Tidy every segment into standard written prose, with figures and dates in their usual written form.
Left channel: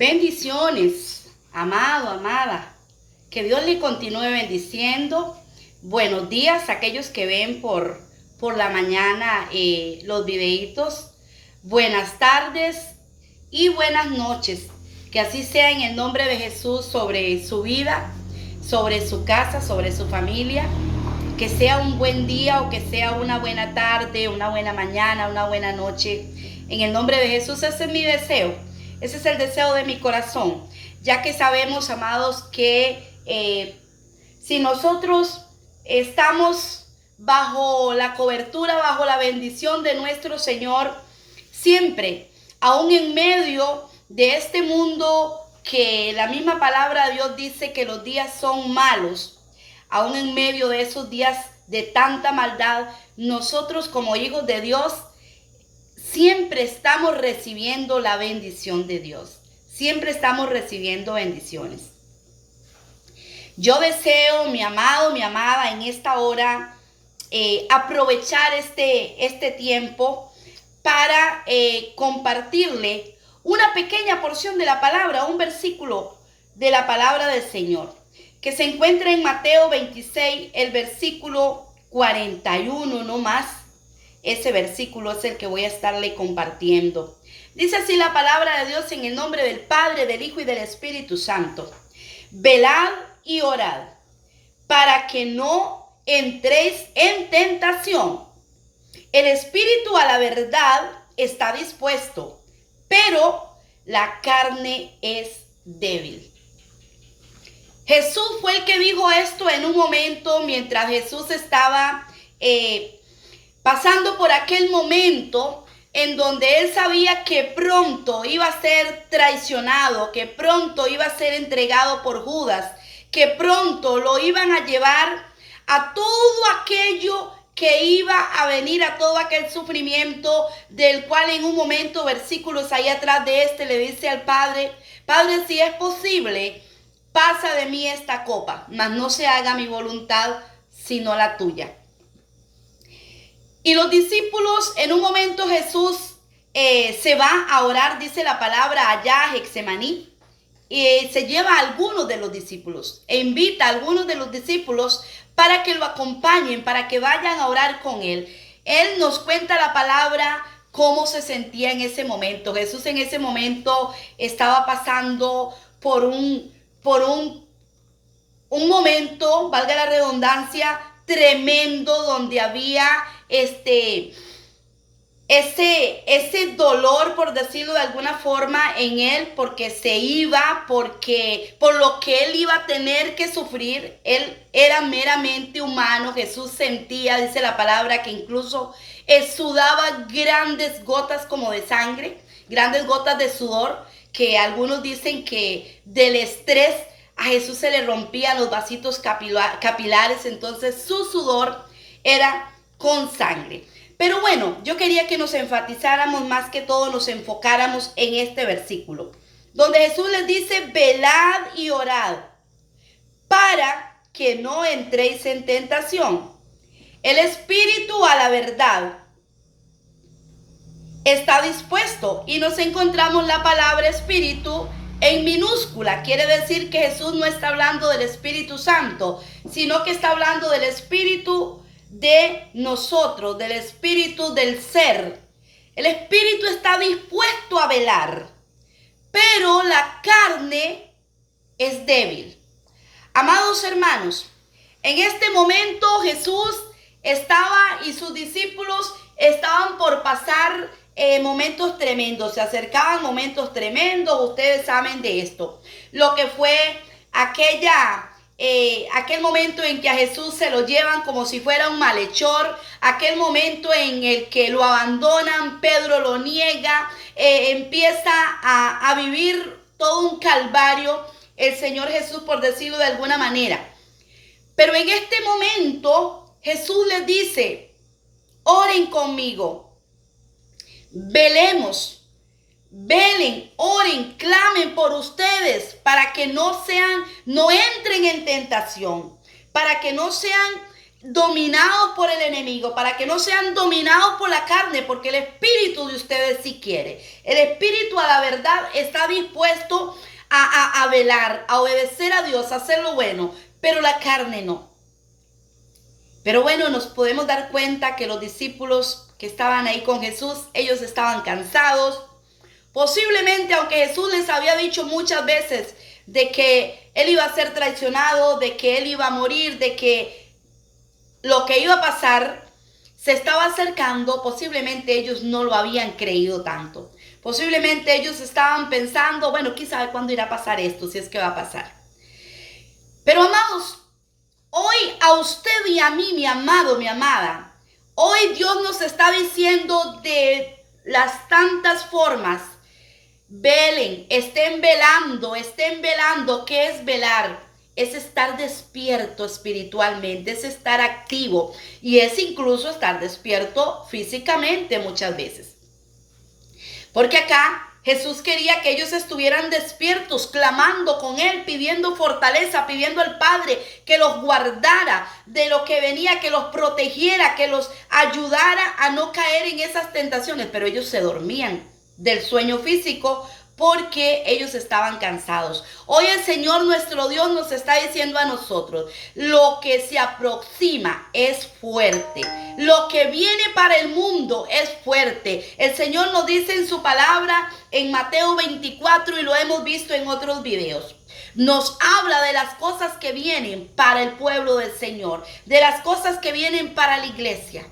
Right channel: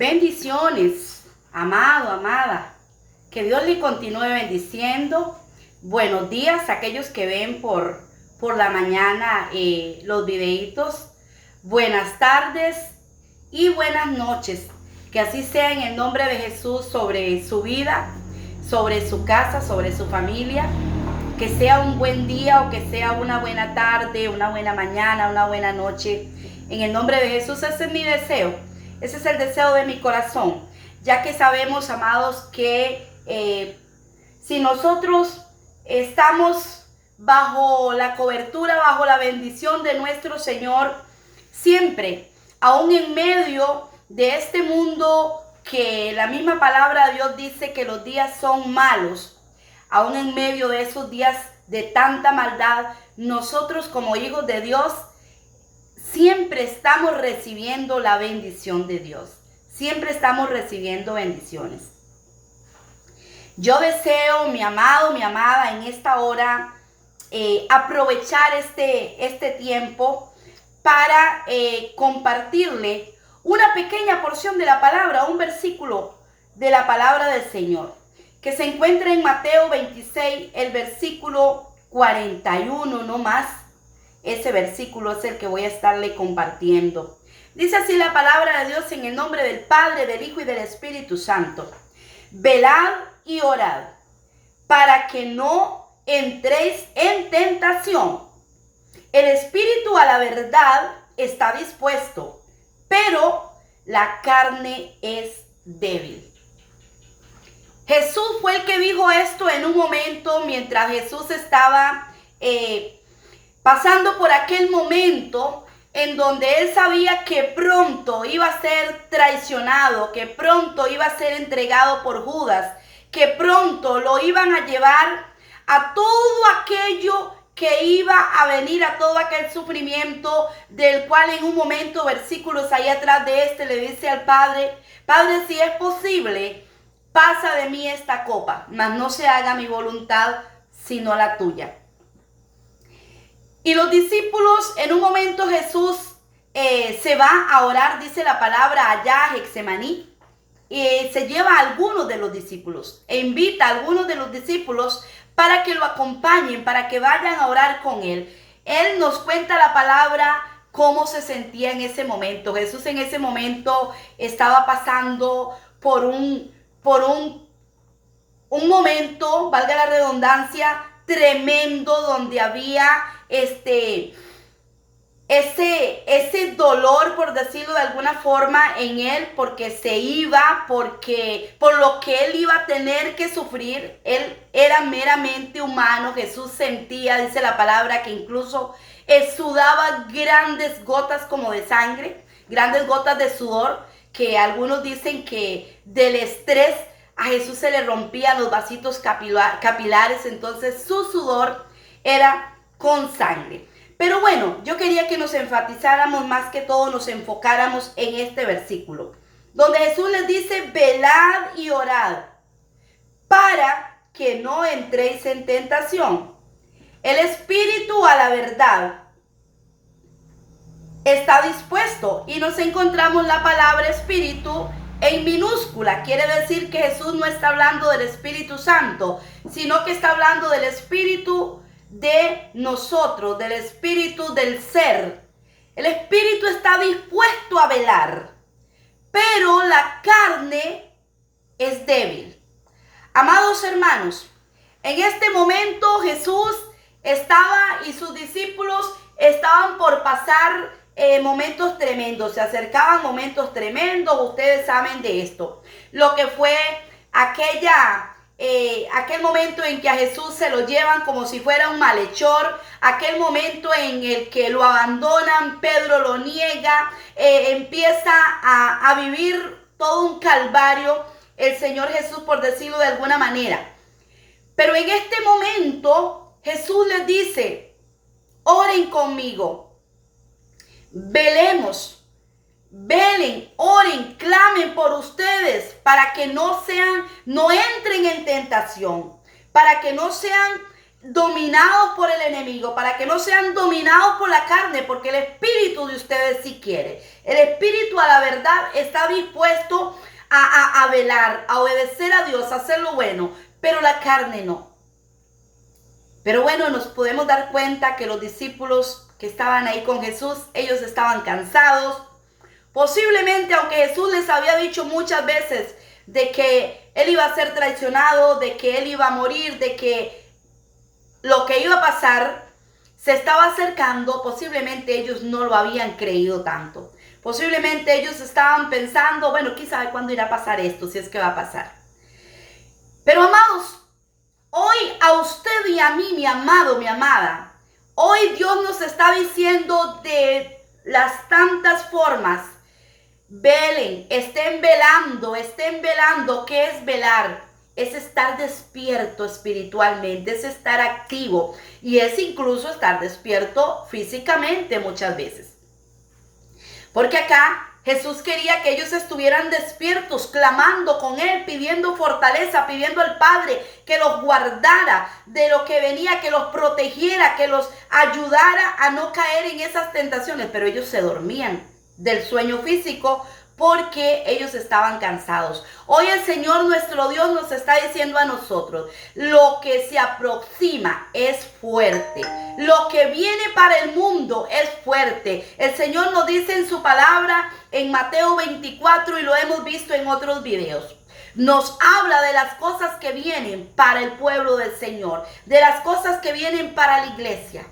Bendiciones, amado, amada. Que Dios le continúe bendiciendo. Buenos días a aquellos que ven por la mañana los videitos. Buenas tardes y buenas noches. Que así sea en el nombre de Jesús sobre su vida, sobre su casa, sobre su familia. Que sea un buen día o que sea una buena tarde, una buena mañana, una buena noche. En el nombre de Jesús, ese es mi deseo. Ese es el deseo de mi corazón. Ya que sabemos, amados, que si nosotros estamos bajo la cobertura, bajo la bendición de nuestro Señor, siempre, aún en medio de este mundo que la misma palabra de Dios dice que los días son malos, aún en medio de esos días de tanta maldad, nosotros como hijos de Dios siempre estamos recibiendo la bendición de Dios. Siempre estamos recibiendo bendiciones. Yo deseo, mi amado, mi amada, en esta hora, aprovechar este tiempo para compartirle una pequeña porción de la palabra, un versículo de la palabra del Señor, que se encuentra en Mateo 26, el versículo 41, no más. Ese versículo es el que voy a estarle compartiendo. Dice así la palabra de Dios en el nombre del Padre, del Hijo y del Espíritu Santo. Velad y orad para que no entréis en tentación. El espíritu a la verdad está dispuesto, pero la carne es débil. Jesús fue el que dijo esto en un momento mientras Jesús estaba pasando por aquel momento en donde él sabía que pronto iba a ser traicionado, que pronto iba a ser entregado por Judas, que pronto lo iban a llevar a todo aquello que iba a venir, a todo aquel sufrimiento del cual en un momento, versículos ahí atrás de le dice al Padre: Padre, si es posible, pasa de mí esta copa, mas no se haga mi voluntad, sino la tuya. Y los discípulos, en un momento Jesús se va a orar, dice la palabra, allá a Getsemaní, y se lleva a algunos de los discípulos e invita a algunos de los discípulos para que lo acompañen, para que vayan a orar con él. Él nos cuenta la palabra cómo se sentía en ese momento. Jesús en ese momento estaba pasando por un momento, valga la redundancia, tremendo, donde había ese dolor, por decirlo de alguna forma, en él, porque se iba, por lo que él iba a tener que sufrir. Él era meramente humano. Jesús sentía, dice la palabra, que incluso sudaba grandes gotas como de sangre, grandes gotas de sudor, que algunos dicen que del estrés a Jesús se le rompían los vasitos capilares, entonces su sudor era con sangre. Pero bueno, yo quería que nos enfatizáramos, más que todo nos enfocáramos en este versículo, donde Jesús les dice: velad y orad para que no entréis en tentación. El espíritu a la verdad está dispuesto, y nos encontramos la palabra espíritu en minúscula. Quiere decir que Jesús no está hablando del Espíritu Santo, sino que está hablando del espíritu de nosotros, del espíritu del ser. El espíritu está dispuesto a velar, pero la carne es débil. Amados hermanos, en este momento Jesús estaba y sus discípulos estaban por pasar momentos tremendos, se acercaban momentos tremendos. Ustedes saben de esto, lo que fue aquel momento en que a Jesús se lo llevan como si fuera un malhechor, aquel momento en el que lo abandonan, Pedro lo niega, empieza a vivir todo un calvario el Señor Jesús, por decirlo de alguna manera. Pero en este momento Jesús les dice: oren conmigo, velemos, velen, oren, clamen por ustedes para que no entren en tentación, para que no sean dominados por el enemigo, para que no sean dominados por la carne, porque el espíritu de ustedes sí quiere. El espíritu a la verdad está dispuesto a velar, a obedecer a Dios, a hacer lo bueno, pero la carne no. Pero bueno, nos podemos dar cuenta que los discípulos que estaban ahí con Jesús, ellos estaban cansados. Posiblemente, aunque Jesús les había dicho muchas veces de que Él iba a ser traicionado, de que Él iba a morir, de que lo que iba a pasar se estaba acercando, posiblemente ellos no lo habían creído tanto. Posiblemente ellos estaban pensando, bueno, ¿quién sabe cuándo irá a pasar esto, si es que va a pasar? Pero amados, hoy a usted y a mí, mi amado, mi amada, hoy Dios nos está diciendo de las tantas formas: velen, estén velando. ¿Qué es velar? Es estar despierto espiritualmente, es estar activo y es incluso estar despierto físicamente muchas veces. Porque acá Jesús quería que ellos estuvieran despiertos, clamando con Él, pidiendo fortaleza, pidiendo al Padre que los guardara de lo que venía, que los protegiera, que los ayudara a no caer en esas tentaciones. Pero ellos se dormían del sueño físico porque ellos estaban cansados. Hoy el Señor nuestro Dios nos está diciendo a nosotros: lo que se aproxima es fuerte. Lo que viene para el mundo es fuerte. El Señor nos dice en su palabra en Mateo 24, y lo hemos visto en otros videos. Nos habla de las cosas que vienen para el pueblo del Señor, de las cosas que vienen para la iglesia.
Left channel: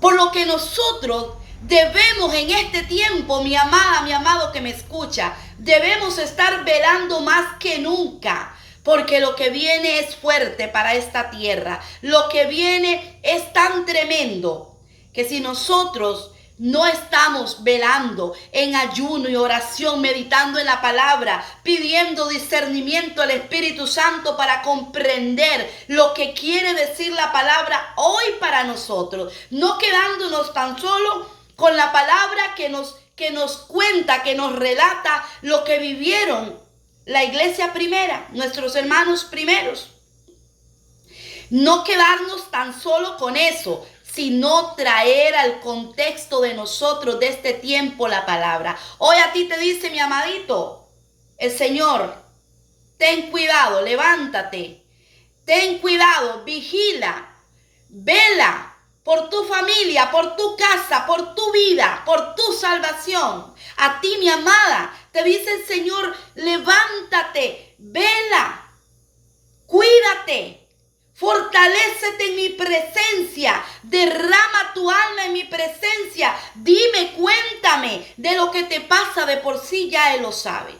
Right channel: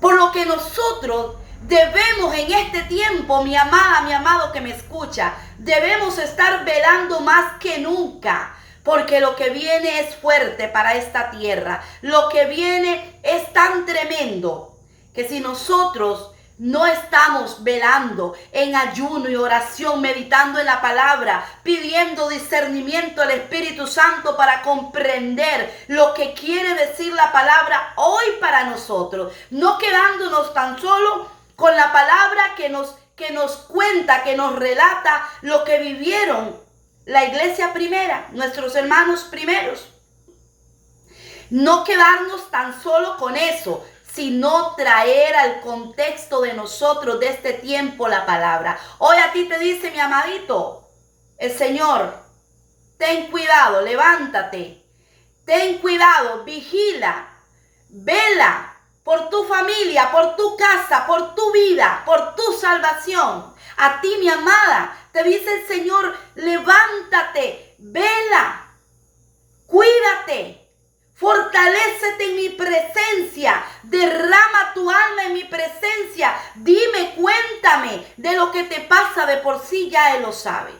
Por lo que nosotros debemos en este tiempo, mi amada, mi amado que me escucha, debemos estar velando más que nunca, porque lo que viene es fuerte para esta tierra. Lo que viene es tan tremendo que si nosotros no estamos velando en ayuno y oración, meditando en la palabra, pidiendo discernimiento al Espíritu Santo para comprender lo que quiere decir la palabra hoy para nosotros, no quedándonos tan solo con la palabra que nos cuenta, que nos relata lo que vivieron la iglesia primera, nuestros hermanos primeros. No quedarnos tan solo con eso, sino traer al contexto de nosotros, de este tiempo, la palabra. Hoy a ti te dice, mi amadito, el Señor: ten cuidado, levántate, ten cuidado, vigila, vela por tu familia, por tu casa, por tu vida, por tu salvación. A ti, mi amada, te dice el Señor: levántate, vela, cuídate. Fortalécete en mi presencia, derrama tu alma en mi presencia, dime, cuéntame de lo que te pasa, de por sí ya Él lo sabe.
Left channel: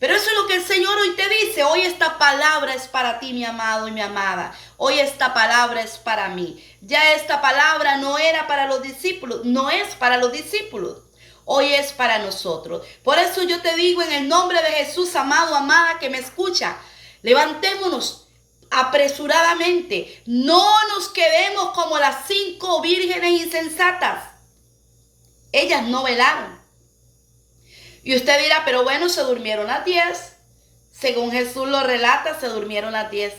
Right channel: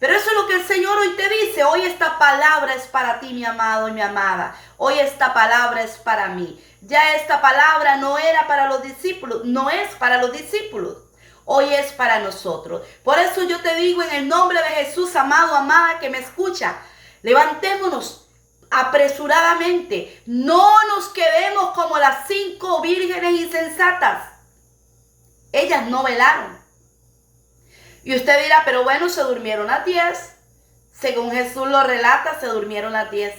Pero eso es lo que el Señor hoy te dice. Hoy esta palabra es para ti, mi amado y mi amada. Hoy esta palabra es para mí. Ya esta palabra no era para los discípulos, no es para los discípulos. Hoy es para nosotros. Por eso yo te digo en el nombre de Jesús, amado, amada que me escucha, levantémonos apresuradamente. No nos quedemos como las 5 vírgenes insensatas. Ellas no velaron. Y usted dirá, pero bueno, se durmieron las 10. Según Jesús lo relata, se durmieron las 10.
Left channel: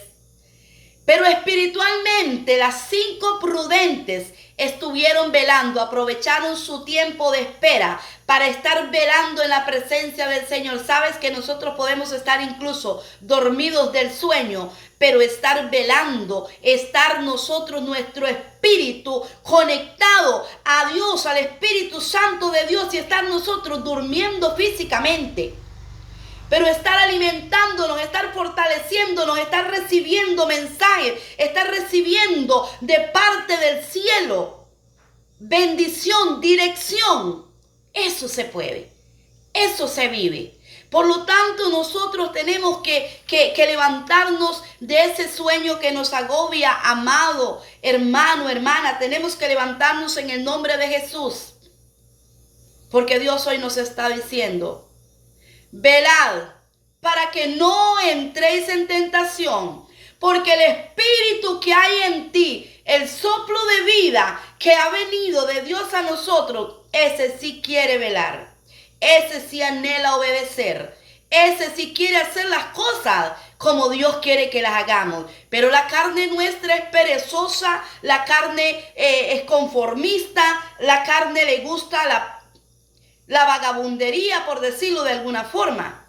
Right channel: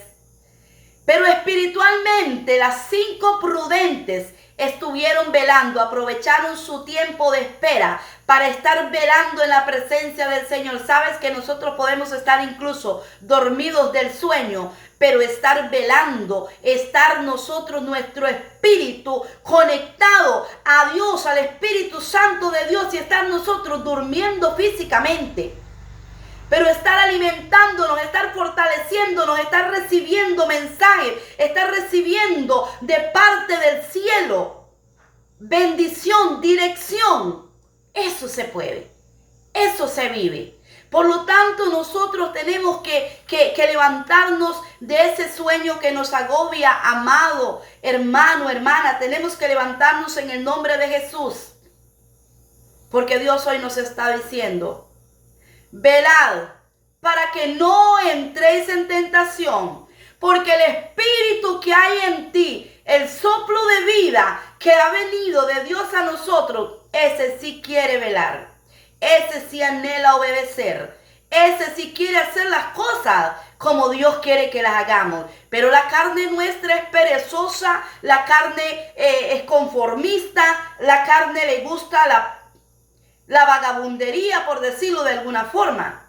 Pero espiritualmente las 5 prudentes estuvieron velando, aprovecharon su tiempo de espera para estar velando en la presencia del Señor. Sabes que nosotros podemos estar incluso dormidos del sueño, pero estar velando, estar nosotros, nuestro espíritu conectado a Dios, al Espíritu Santo de Dios, y estar nosotros durmiendo físicamente, pero estar alimentándonos, estar fortaleciéndonos, estar recibiendo mensajes, estar recibiendo de parte del cielo bendición, dirección. Eso se puede, eso se vive. Por lo tanto, nosotros tenemos que levantarnos de ese sueño que nos agobia, amado hermano, hermana. Tenemos que levantarnos en el nombre de Jesús. Porque Dios hoy nos está diciendo: velad para que no entréis en tentación. Porque el espíritu que hay en ti, el soplo de vida que ha venido de Dios a nosotros, ese sí quiere velar. Ese sí anhela obedecer. Ese sí quiere hacer las cosas como Dios quiere que las hagamos. Pero la carne nuestra es perezosa, la carne es conformista, la carne le gusta la vagabundería, por decirlo de alguna forma.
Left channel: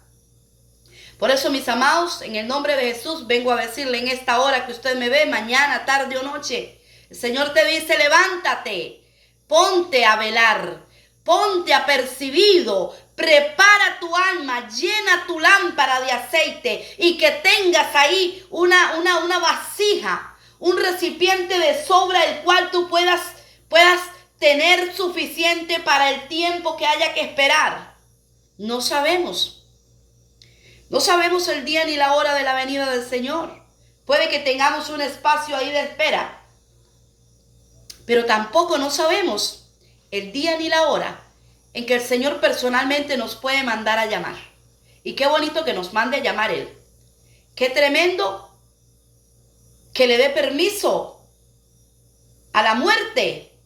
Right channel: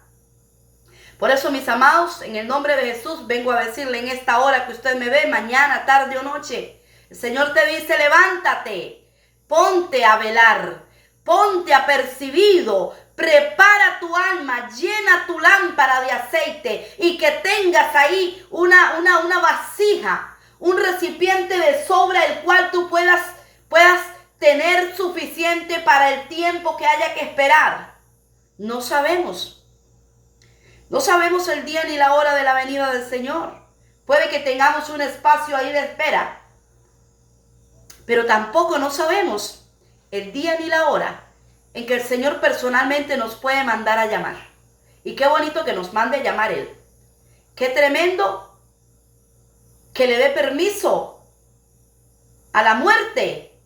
Por eso, mis amados, en el nombre de Jesús, vengo a decirle en esta hora que usted me ve, mañana, tarde o noche, el Señor te dice, levántate, ponte a velar, ponte apercibido, prepara tu alma, llena tu lámpara de aceite y que tengas ahí una vasija, un recipiente de sobra el cual tú puedas tener suficiente para el tiempo que haya que esperar. No sabemos el día ni la hora de la venida del Señor. Puede que tengamos un espacio ahí de espera, pero tampoco no sabemos el día ni la hora en que el Señor personalmente nos puede mandar a llamar. Y qué bonito que nos mande a llamar Él. Qué tremendo que le dé permiso a la muerte,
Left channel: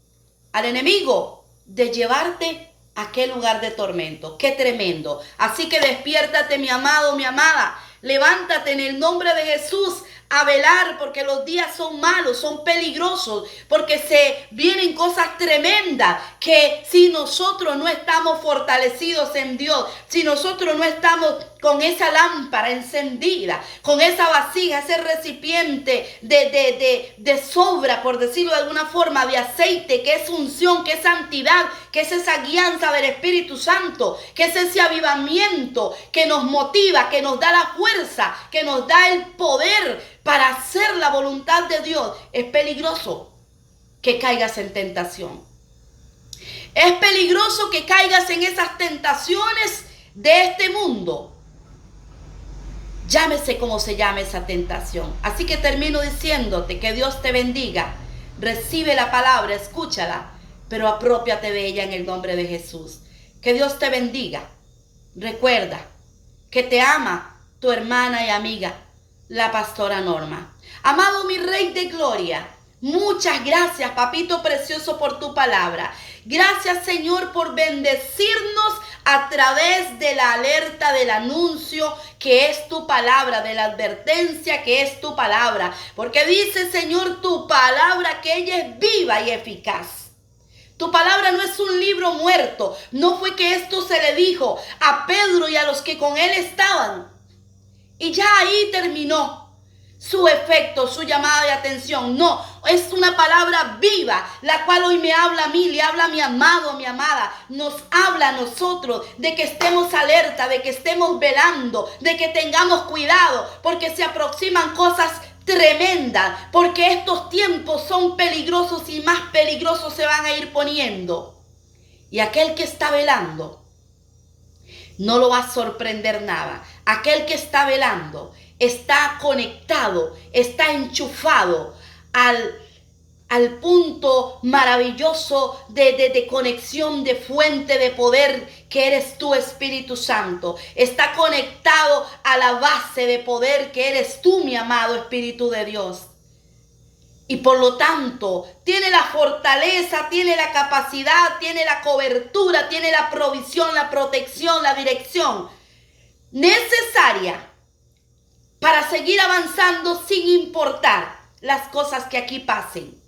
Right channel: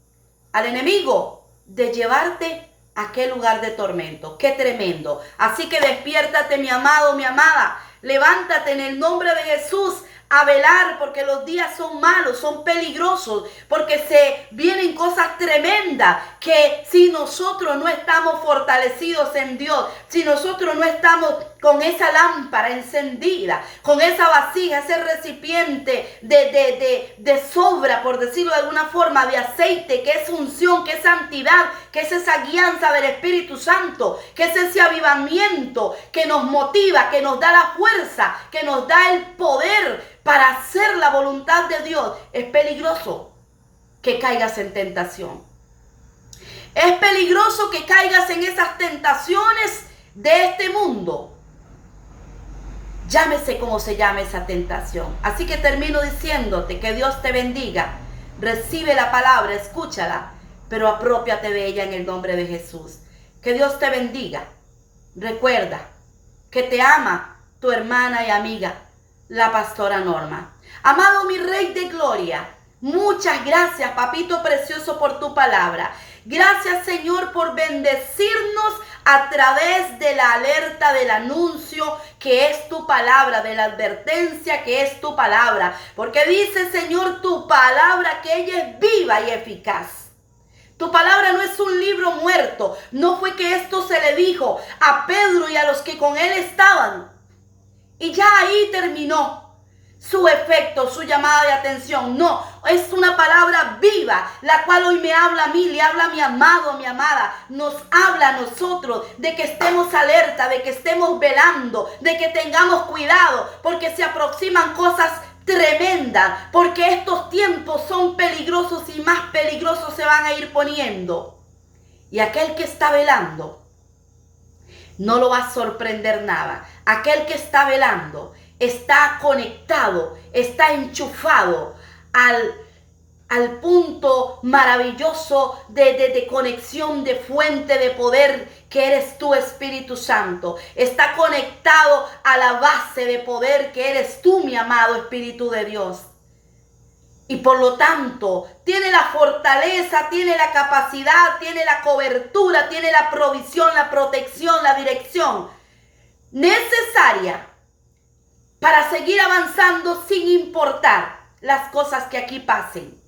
al enemigo, de llevarte a aquel lugar de tormento. Qué tremendo. Así que despiértate, mi amado, mi amada. Levántate en el nombre de Jesús a velar, porque los días son malos, son peligrosos, porque se vienen cosas tremendas, que si nosotros no estamos fortalecidos en Dios, si nosotros no estamos con esa lámpara encendida, con esa vasija, ese recipiente de sobra, por decirlo de alguna forma, de aceite, que es unción, que es santidad, que es esa guianza del Espíritu Santo, que es ese avivamiento que nos motiva, que nos da la fuerza, que nos da el poder para hacer la voluntad de Dios. Es peligroso que caigas en tentación. Es peligroso que caigas en esas tentaciones de este mundo. Llámese como se llame esa tentación. Así que termino diciéndote que Dios te bendiga. Recibe la palabra, escúchala, pero apropiate de ella en el nombre de Jesús. Que Dios te bendiga. Recuerda que te ama tu hermana y amiga, la pastora Norma. Amado mi Rey de Gloria, muchas gracias, papito precioso, por tu palabra. Gracias, Señor, por bendecirnos a través de la alerta, del anuncio que es tu palabra, de la advertencia que es tu palabra. Porque dice, Señor, tu palabra que ella es viva y eficaz. Tu palabra no es un libro muerto. No fue que esto se le dijo a Pedro y a los que con él estaban y ya ahí terminó su efecto, su llamada de atención. No, es una palabra viva, la cual hoy me habla a mí, le habla a mi amado, a mi amada. Nos habla a nosotros de que estemos alerta, de que estemos velando, de que tengamos cuidado, porque se aproximan cosas tremendas, porque estos tiempos son peligrosos y más peligrosos se van a ir poniendo. Y aquel que está velando, no lo va a sorprender nada. Aquel que está velando está conectado, está enchufado al punto maravilloso de conexión, de fuente de poder que eres tú, Espíritu Santo. Está conectado a la base de poder que eres tú, mi amado Espíritu de Dios. Y por lo tanto, tiene la fortaleza, tiene la capacidad, tiene la cobertura, tiene la provisión, la protección, la dirección necesaria para seguir avanzando sin importar las cosas que aquí pasen.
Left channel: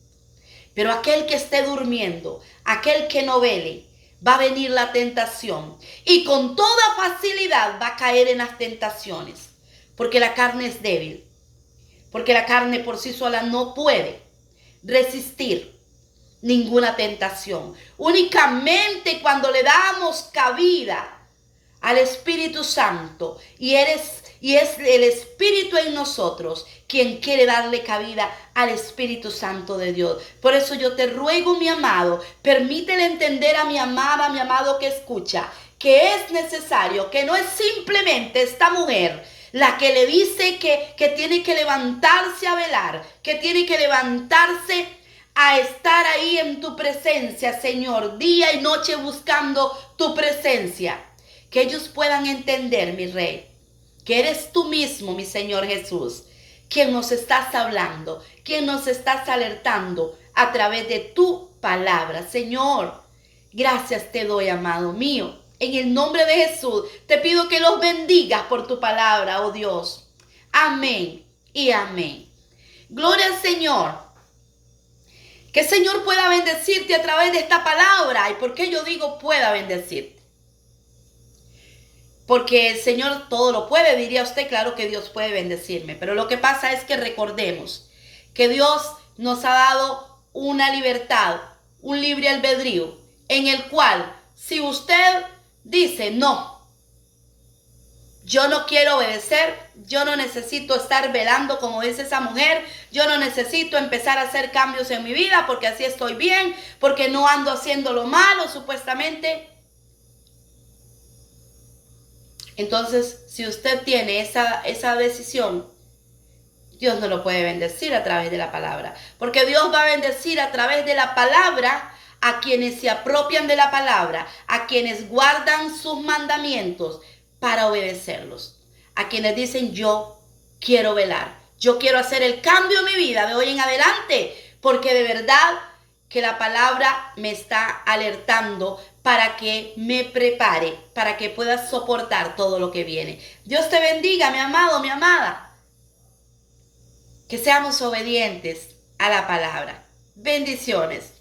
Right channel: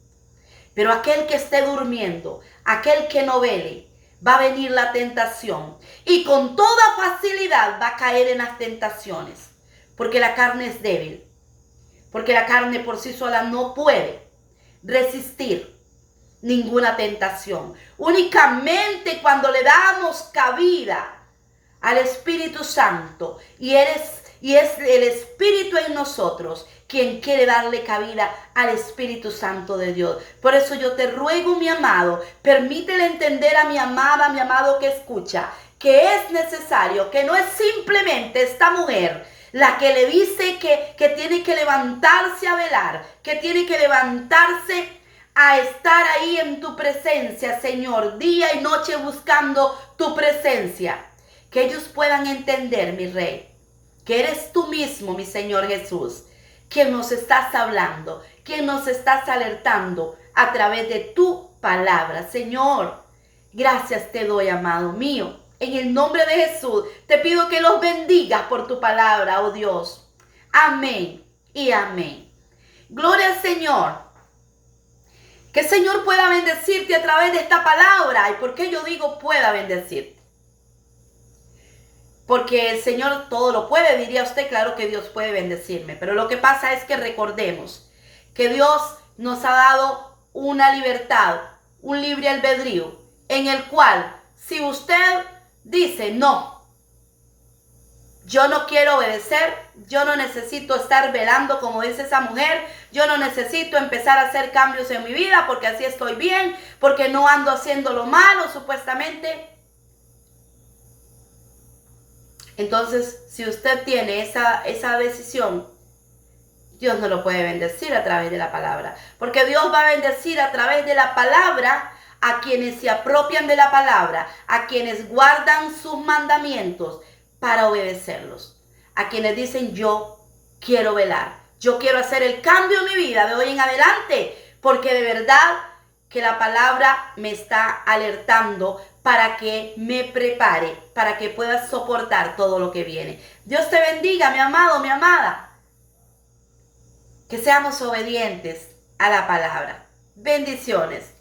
Pero aquel que esté durmiendo, aquel que no vele, va a venir la tentación y con toda facilidad va a caer en las tentaciones, porque la carne es débil, porque la carne por sí sola no puede resistir ninguna tentación. Únicamente cuando le damos cabida al Espíritu Santo y es el Espíritu en nosotros quien quiere darle cabida al Espíritu Santo de Dios. Por eso yo te ruego, mi amado, permítele entender a mi amada, mi amado que escucha, que es necesario, que no es simplemente esta mujer la que le dice que tiene que levantarse a velar, que tiene que levantarse a estar ahí en tu presencia, Señor, día y noche buscando tu presencia. Que ellos puedan entender, mi Rey, que eres tú mismo, mi Señor Jesús, quien nos estás hablando, quien nos estás alertando a través de tu palabra. Señor, gracias te doy, amado mío. En el nombre de Jesús, te pido que los bendigas por tu palabra, oh Dios. Amén y amén. Gloria al Señor. Que el Señor pueda bendecirte a través de esta palabra. ¿Y por qué yo digo pueda bendecirte? Porque el Señor todo lo puede, diría usted, claro que Dios puede bendecirme. Pero lo que pasa es que recordemos que Dios nos ha dado una libertad, un libre albedrío, en el cual si usted dice no, yo no quiero obedecer, yo no necesito estar velando como dice esa mujer, yo no necesito empezar a hacer cambios en mi vida porque así estoy bien, porque no ando haciendo lo malo supuestamente. Entonces, si usted tiene esa decisión, Dios no lo puede bendecir a través de la palabra. Porque Dios va a bendecir a través de la palabra a quienes se apropian de la palabra, a quienes guardan sus mandamientos para obedecerlos. A quienes dicen yo quiero velar, yo quiero hacer el cambio en mi vida de hoy en adelante. Porque de verdad que la palabra me está alertando para que me prepare, para que pueda soportar todo lo que viene. Dios te bendiga, mi amado, mi amada. Que seamos obedientes a la palabra. Bendiciones.